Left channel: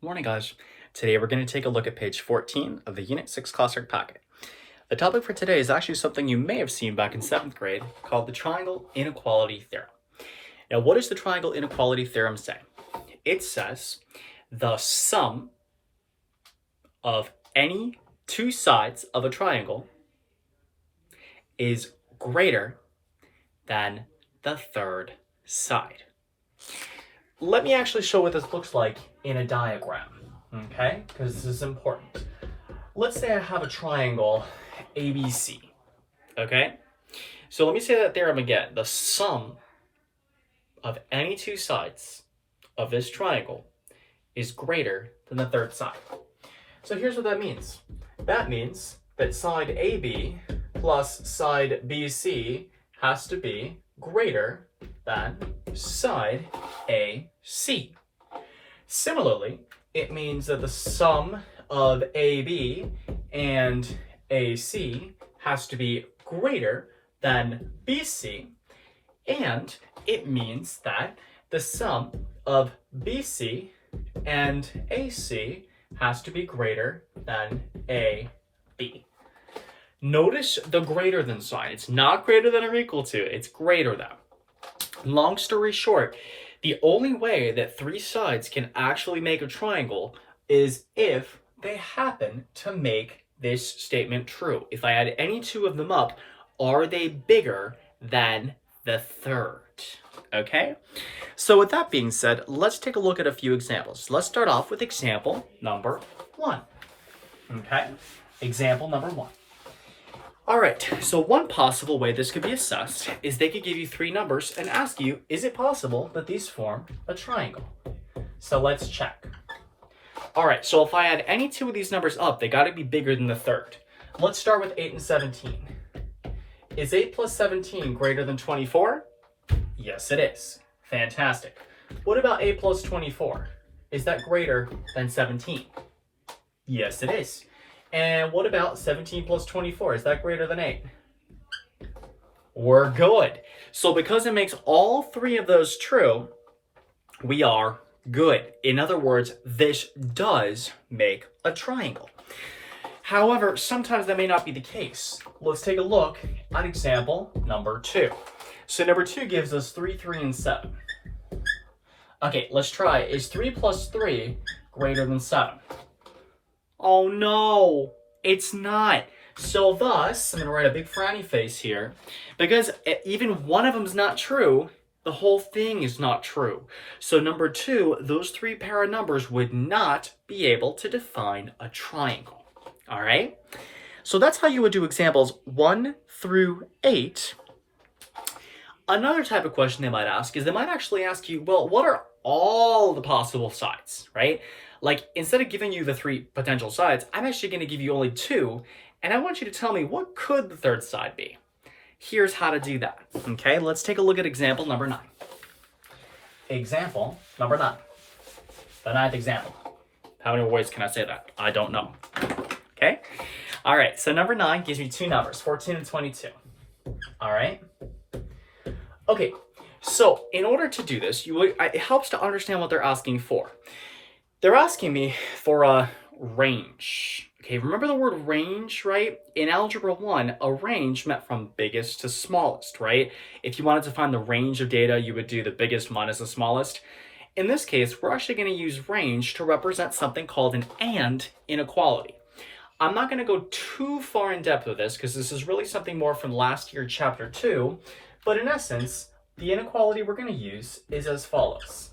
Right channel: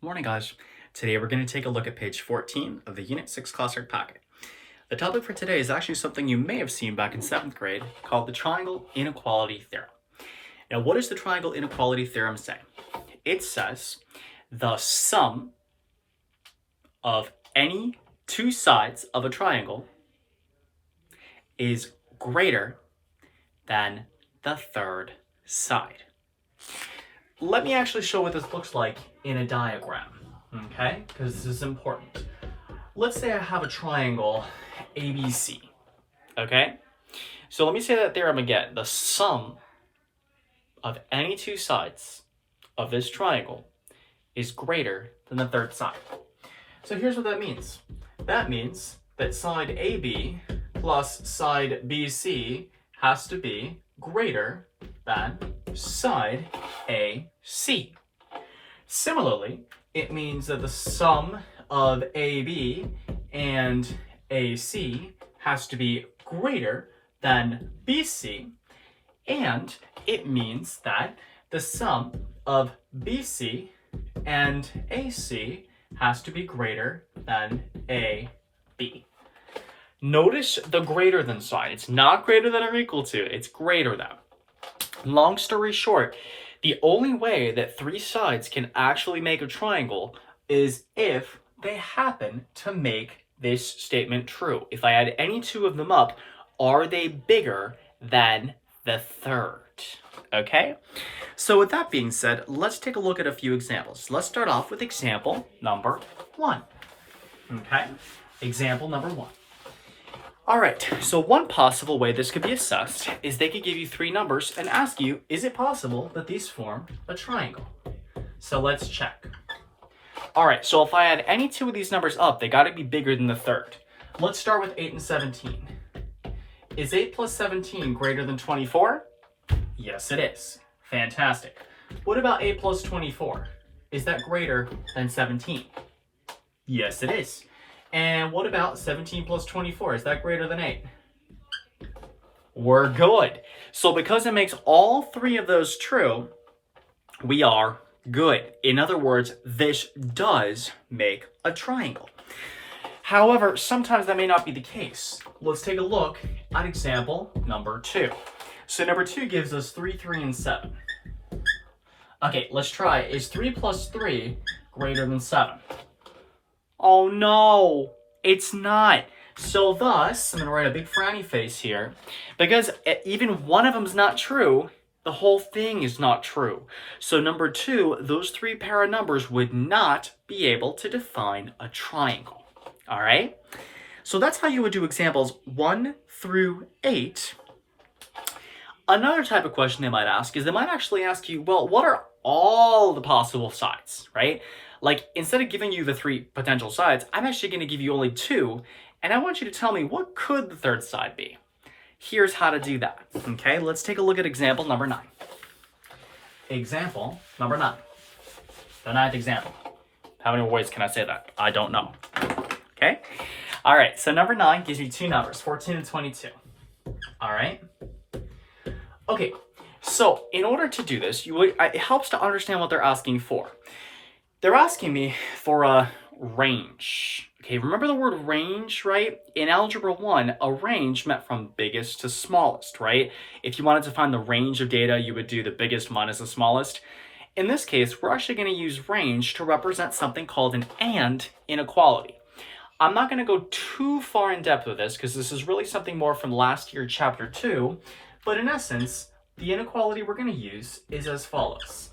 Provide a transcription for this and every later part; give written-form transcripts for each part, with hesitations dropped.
Morning, guys. Today we're going to take a look at page 14 of the Unit 6 Classwork packet. The topic for today is actually something you may have seen back in 7th grade called the triangle inequality theorem. Now, what does the triangle inequality theorem say? It says the sum of any two sides of a triangle is greater than the third side. Let me actually show what this looks like in a diagram, okay? Because this is important. Let's say I have a triangle ABC, okay? So let me say that theorem again. The sum of any two sides of this triangle is greater than the third side. So here's what that means. That means that side AB plus side BC has to be greater than side AC. Similarly, it means that the sum of AB and AC has to be greater than BC, and it means that the sum of BC and AC has to be greater than AB. Notice the greater than sign. It's not greater than or equal to, it's greater than. Long story short, the only way that three sides can actually make a triangle is if they happen to make this statement true. If I add any two of them up, are they bigger than the third? Okay? So with that being said, let's take a look at a few examples. Let's start off with example number 1. Okay? Example number 1. All right, so one possible way this could be assessed is they could give you three numbers and ask you, is it possible that these form a triangle? So let's check. All right, so if I add any two of these numbers up, they gotta be bigger than the third. Let's start with 8 and 17. Is 8 plus 17 greater than 24? Yes, it is. Fantastic. What about 8 plus 24? Is that greater than 17? Yes, it is. And what about 17 plus 24? Is that greater than 8? We're good. So because it makes all three of those true, we are good. In other words, this does make a triangle. However, sometimes that may not be the case. Let's take a look at example number 2. So number 2 gives us 3, 3, and 7. Okay, let's try. Is 3 plus 3 greater than 7? Oh no, it's not. So thus, I'm going to write a big frowny face here, because even one of them is not true, the whole thing is not true. So number 2, those three pair of numbers would not be able to define a triangle. All right? So that's how you would do examples 1 through 8. Another type of question they might ask is they might actually ask you, well, what are all the possible sides, right? Like, instead of giving you the three potential sides, I'm actually going to give you only 2, and I want you to tell me, what could the third side be? Here's how to do that. Okay, let's take a look at example number 9. Example number 9. The 9th example. How many ways can I say that? I don't know. Okay? All right, so number 9 gives you two numbers, 14 and 22. All right? Okay, so in order to do this, it helps to understand what they're asking for. They're asking me for a range. Okay, remember the word range, right? In Algebra 1, a range meant from biggest to smallest, right? If you wanted to find the range of data, you would do the biggest minus the smallest. In this case, we're actually going to use range to represent something called an and inequality. I'm not going to go too far in depth with this because this is really something more from last year, chapter 2. But in essence, the inequality we're going to use is as follows.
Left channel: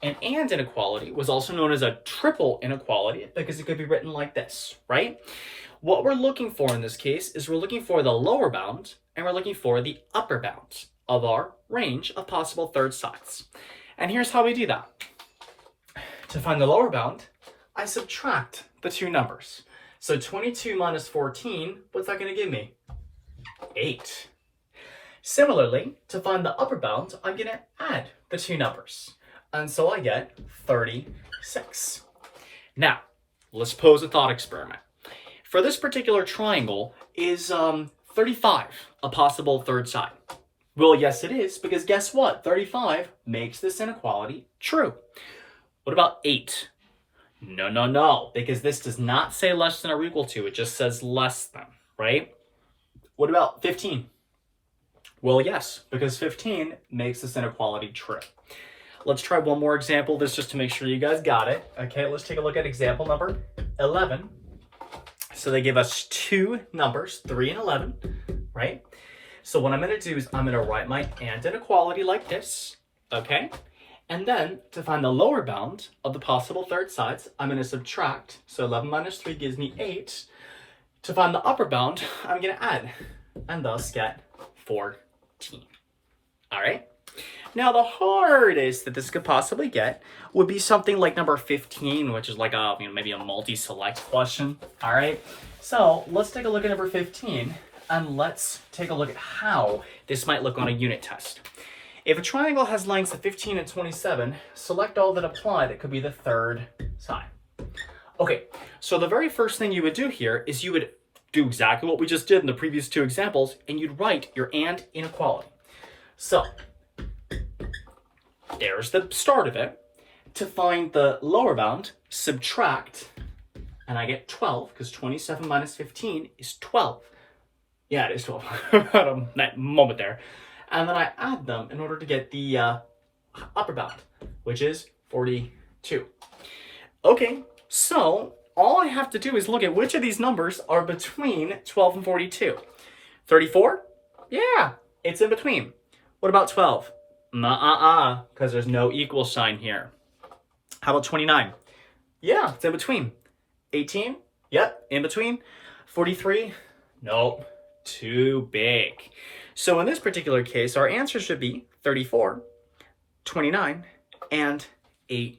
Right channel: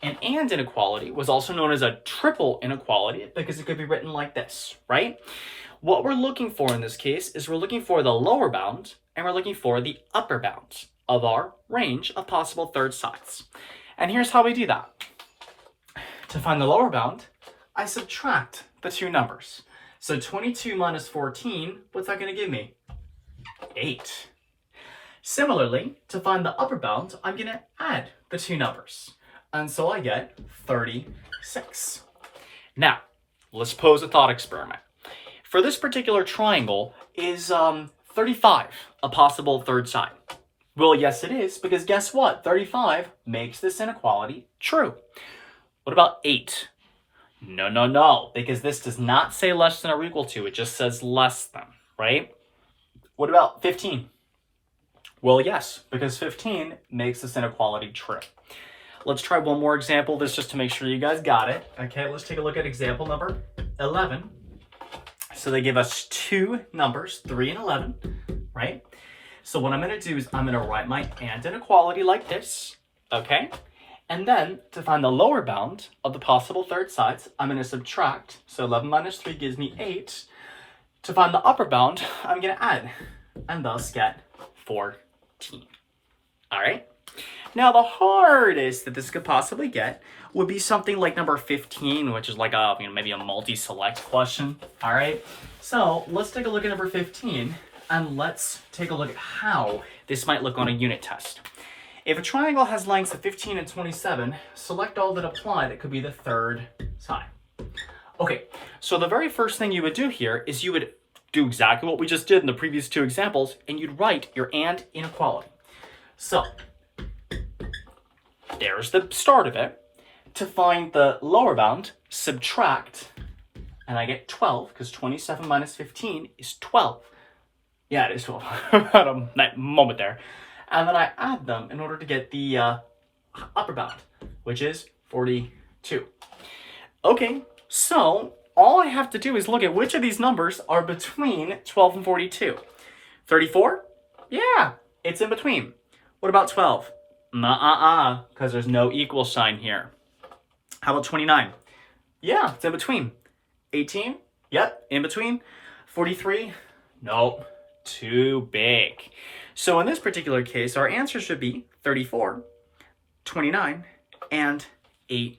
An and inequality was also known as a triple inequality because it could be written like this, right? What we're looking for in this case is we're looking for the lower bound and we're looking for the upper bound of our range of possible third sides. And here's how we do that. To find the lower bound, I subtract the two numbers. So 22 minus 14, what's that going to give me? 8. Similarly, to find the upper bound, I'm going to add the two numbers. And so I get 36. Now, let's pose a thought experiment. For this particular triangle, is 35 a possible third side? Well, yes it is, because guess what? 35 makes this inequality true. What about 8? No, no, no, because this does not say less than or equal to, it just says less than, right? What about 15? Well, yes, because 15 makes this inequality true. Let's try one more example, this just to make sure you guys got it. Okay, let's take a look at example number 11. So they give us two numbers, 3 and 11, right? So what I'm going to do is I'm going to write my and inequality like this, okay? And then to find the lower bound of the possible third sides, I'm going to subtract. So 11 minus 3 gives me 8. To find the upper bound, I'm going to add and thus get 14. All right? Now, the hardest that this could possibly get would be something like number 15, which is like a, maybe a multi-select question. All right? So let's take a look at number 15, and let's take a look at how this might look on a unit test. If a triangle has lengths of 15 and 27, select all that apply that could be the third side. Okay, so the very first thing you would do here is you would do exactly what we just did in the previous two examples, and you'd write your and inequality. So there's the start of it. To find the lower bound, subtract, and I get 12, because 27 minus 15 is 12. Yeah, it is 12. About a moment there. And then I add them in order to get the upper bound, which is 42. Okay, so all I have to do is look at which of these numbers are between 12 and 42. 34? Yeah, it's in between. What about 12? Because there's no equal sign here. How about 29? Yeah, it's in between. 18? Yep, in between. 43? Nope, too big. So in this particular case, our answer should be 34, 29, and 18.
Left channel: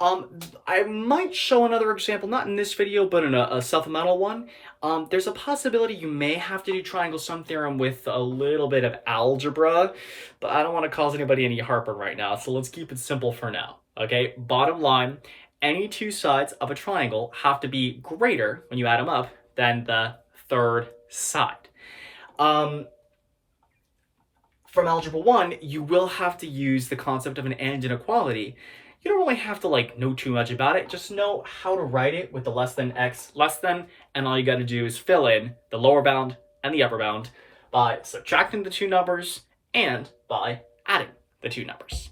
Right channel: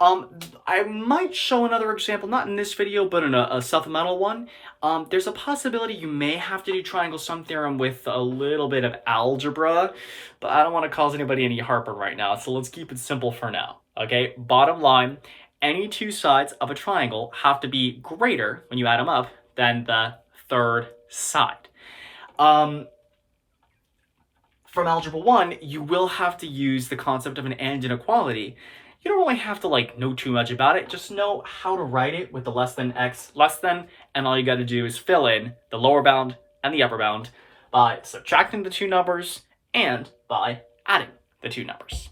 I might show another example, not in this video, but in a supplemental one. There's a possibility you may have to do triangle sum theorem with a little bit of algebra, but I don't want to cause anybody any heartburn right now, so let's keep it simple for now, okay? Bottom line, any two sides of a triangle have to be greater, when you add them up, than the third side. From Algebra 1, you will have to use the concept of an and inequality. You don't really have to know too much about it. Just know how to write it with the less than x less than, and all you got to do is fill in the lower bound and the upper bound by subtracting the two numbers and by adding the two numbers.